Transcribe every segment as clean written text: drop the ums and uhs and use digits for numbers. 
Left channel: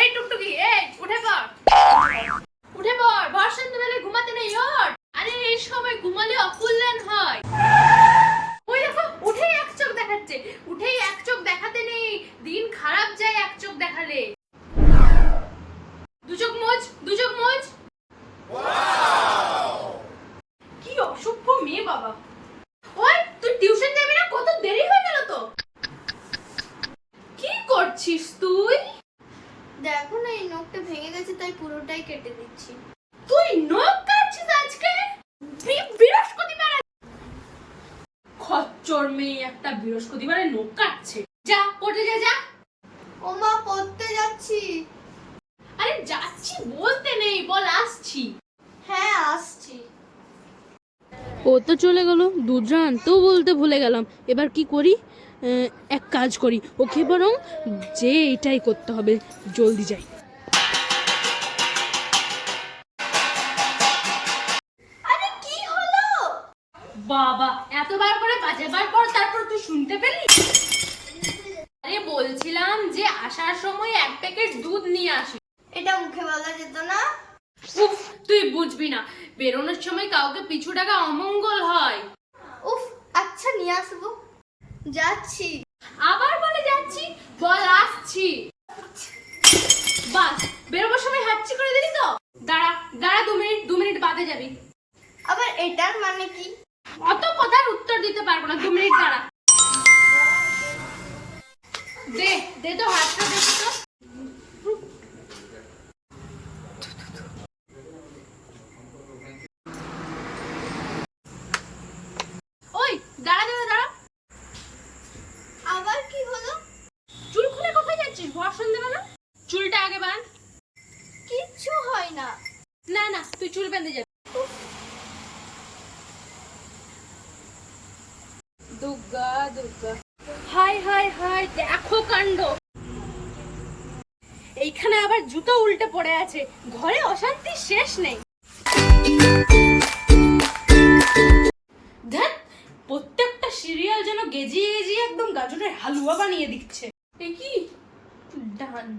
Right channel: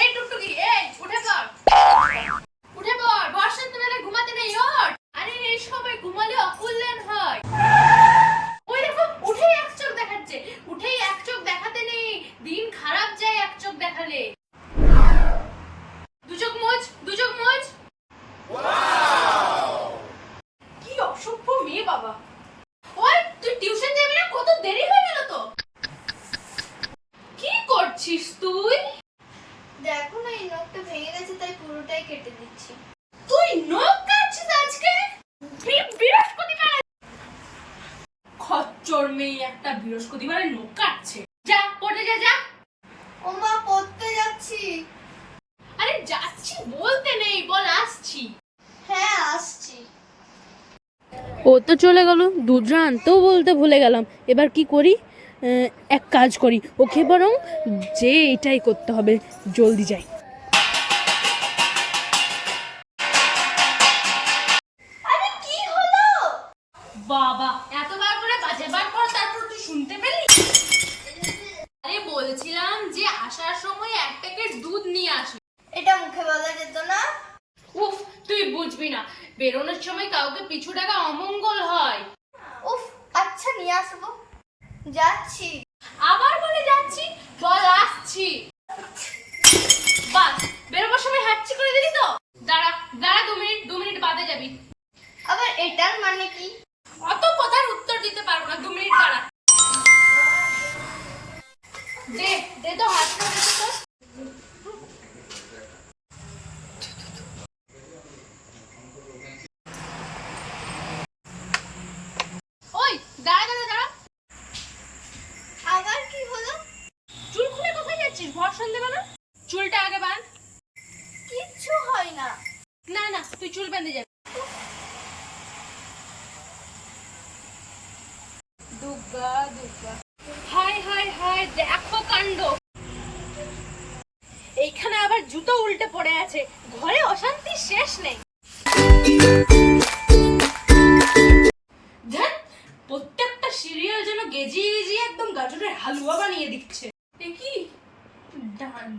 এই টুকটুকি, এই উঠে পড়, উঠে পড়। ভর সন্ধ্যাবেলায় ঘুমাতে নেই, ওঠ। আরে এই সময় ঘুমালে অকল্যাণ হয়। ওই দেখো, উঠেই এক চোখ দেখাচ্ছে। উঠেই এক চোখ দেখাতে নেই, দিন খারাপ যায় এক চোখ দেখালে। দু চোখ মোজ, দু চোখ মোজ। কি অসভ্য মেয়ে বাবা। ওই তুই টিউশন যাবি না? কত দেরি হয়ে গেল তো। কি করছিস তুই? দেখো না, এই নখটা ভেঙে গেছে, তাই পুরোটাই কেটে দিচ্ছি। তুই নখ কাটছিস আজকে? বৃহস্পতিবার। খচ্চর মেয়ে একটা, বৃহস্পতিবারে নখ কাটছে। যা পড়তে যা, যা। ও মা, পড়তে যাচ্ছি। আরে যাচ্ছি বলতে নেই, বল আসছি। হ্যাঁ, আসছি। ও তো চলে গেল, দুধ আনতেও বলতে ভুলে গেলাম। এবার কি করি? এক কাজ করি, ওকে বরং যে এটাই করতে হবে, জলদি যাই। আরে কি হলো? বাবা, এতবার করে 5 বার পর তারপর তুই শুনতে পেলি? আরে বলছিলাম যে আসার সময় 1 প্যাকেট দুধ নিয়ে আসো। এটা মুখে বলা যেত না? উফ, তুই বুঝবি না, বেরোনোর সময় কাউকে পিছু ডাকা অমঙ্গল হয়। উফ, আচ্ছা নিয়ে আসবো। যাচ্ছি। আবার বলে যাচ্ছি, বল আসছি। বাস, বেরোবার সময় হাঁচি করে দিলি তো। দাঁড়া দাঁড়া, 2 মিনিট বাদে যাবি। আবার এটার মানে কি? অত কথার উত্তর দিতে পারবো না, 2 মিনিট দাঁড়া। দে দে তো হাতটা, দেখি তো। ওই দাঁড়া দাঁড়া দাঁড়া। আবার কি হলো? চুল খুলে কোথায় যাচ্ছিস ভর সন্ধ্যেবেলা? চুলটা আগে বাঁধ। কিচ্ছু হয় না। না না, তুই চুল বেঁধে যাবি। Durga Durga, high high high, দেখো কাণ্ড। এইখানে আবার জুতো উল্টে পড়ে আছে, ঘরে অশান্তির শেষ নেই। ধ্যাৎ, প্রত্যেকটা সিরিয়াল যেন গেজিয়ে গেজিয়ে একদম গাজরের হালুয়া বানিয়ে দিচ্ছে। এ কি,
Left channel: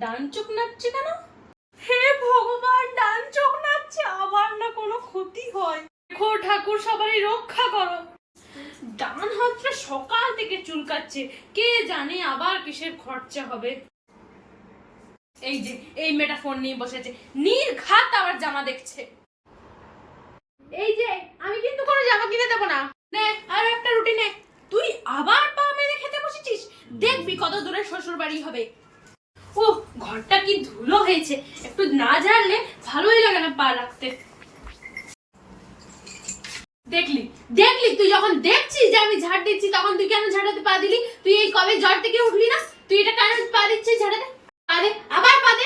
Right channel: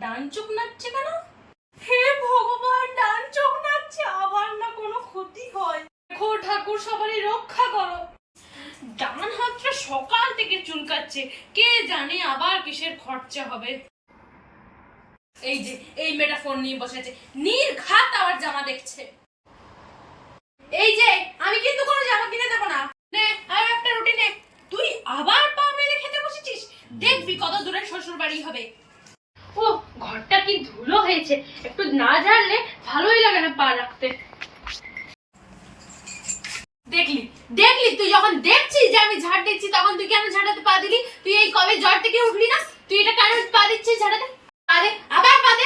ডান চোখ নাচছে কেন? হে ভগবান, ডান চোখ নাচছে, আবার না কোনো ক্ষতি হয়। দেখো ঠাকুর, সবারই রক্ষা করো। ডান হাতটা সকাল থেকে চুলকাচ্ছে, কে জানে আবার কিসের খরচা হবে। এই যে এই মেয়েটা ফোন নিয়ে বসেছে, নির্ঘাত আবার জামা দেখছে। এই যে আমি কিন্তু কোনো জামা কিনে দেবো না। নে আর একটা রুটি নে। তুই আবার পা মেরে খেতে বসেছিস, দেখবি কত দূরে শ্বশুর বাড়ি হবে। ও, ঘরটা কি ধুলো হয়েছে, একটু না ঝাড়লে ভালোই লাগে না পা রাখতে। দেখলি দেখলি, তুই যখন দেখছিস যে আমি ঝাড় দিচ্ছি, তখন তুই কেন ঝাড়াতে পা দিলি? তুই এই কবে জ্বর থেকে উঠলি না? তুই এটা কেন পা দিচ্ছিস ঝাড়াতে? পা দে, আবার পা দে।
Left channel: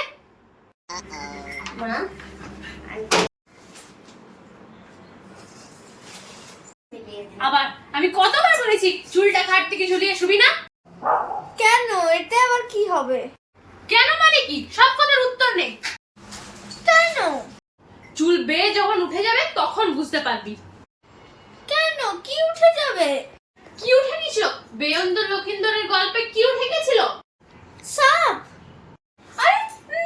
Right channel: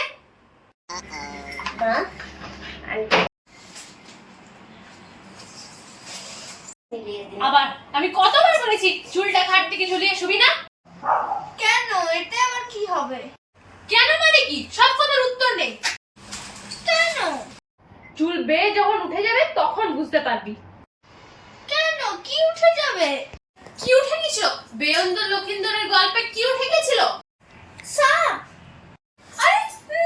আবার আমি কতবার বলেছি চুলটা খাট থেকে ঝুলিয়ে শুবি না? কেন? এতে আবার কি হবে? কেন মানে কি? সব কথার উত্তর নেই। কেন? চুল বেয়ে যখন উঠে যাবে তখন বুঝতে পারবি। কেন? কি উঠে যাবে? কি উঠে গেছিল? বেয়ন্দর লক্ষিন্দরের গল্পে কি উঠে গেছিল? সাপ। আরে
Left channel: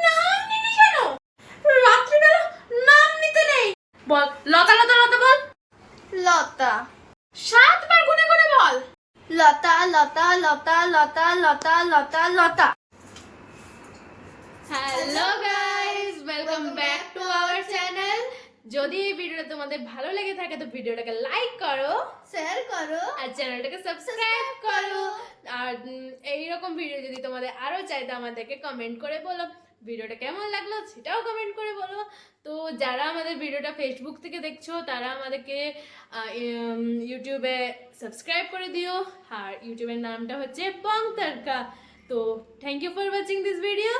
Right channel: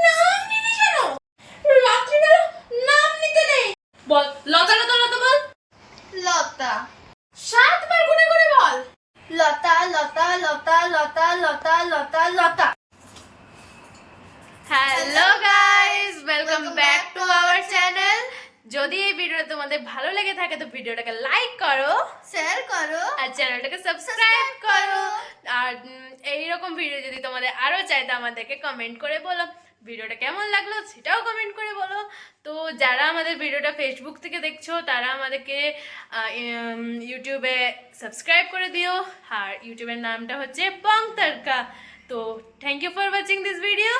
নাম নিবি কেন? রাত্রিবেলা নাম নিতে নেই। বল, লতা লতা লতা বল। লতা। 7 বার গুনে গুনে বল। লতা লতা লতা লতা লতা লতা লতা। Hello guys, welcome back to our channel. যদি এই ভিডিওটা তোমাদের ভালো লেগে থাকে তো ভিডিওটাকে লাইক করো, শেয়ার করো, আর চ্যানেলটাকে সাবস্ক্রাইব করো। আর এইরকম ভিডিও যদি তোমাদের আরো চাই তো আমাদেরকে কমেন্ট করে বলো ভিডিওটা কেমন লাগলো, সেটাও কমেন্ট করে বলো। তো যারা আমাদের ভিডিওটা ফেসবুক থেকে দেখছো তারা আমাদেরকে ইউটিউবে সাবস্ক্রাইব করে দিও। আর ইউটিউবের নামটা হচ্ছে বং তড়কা। তো thank you for watching this video.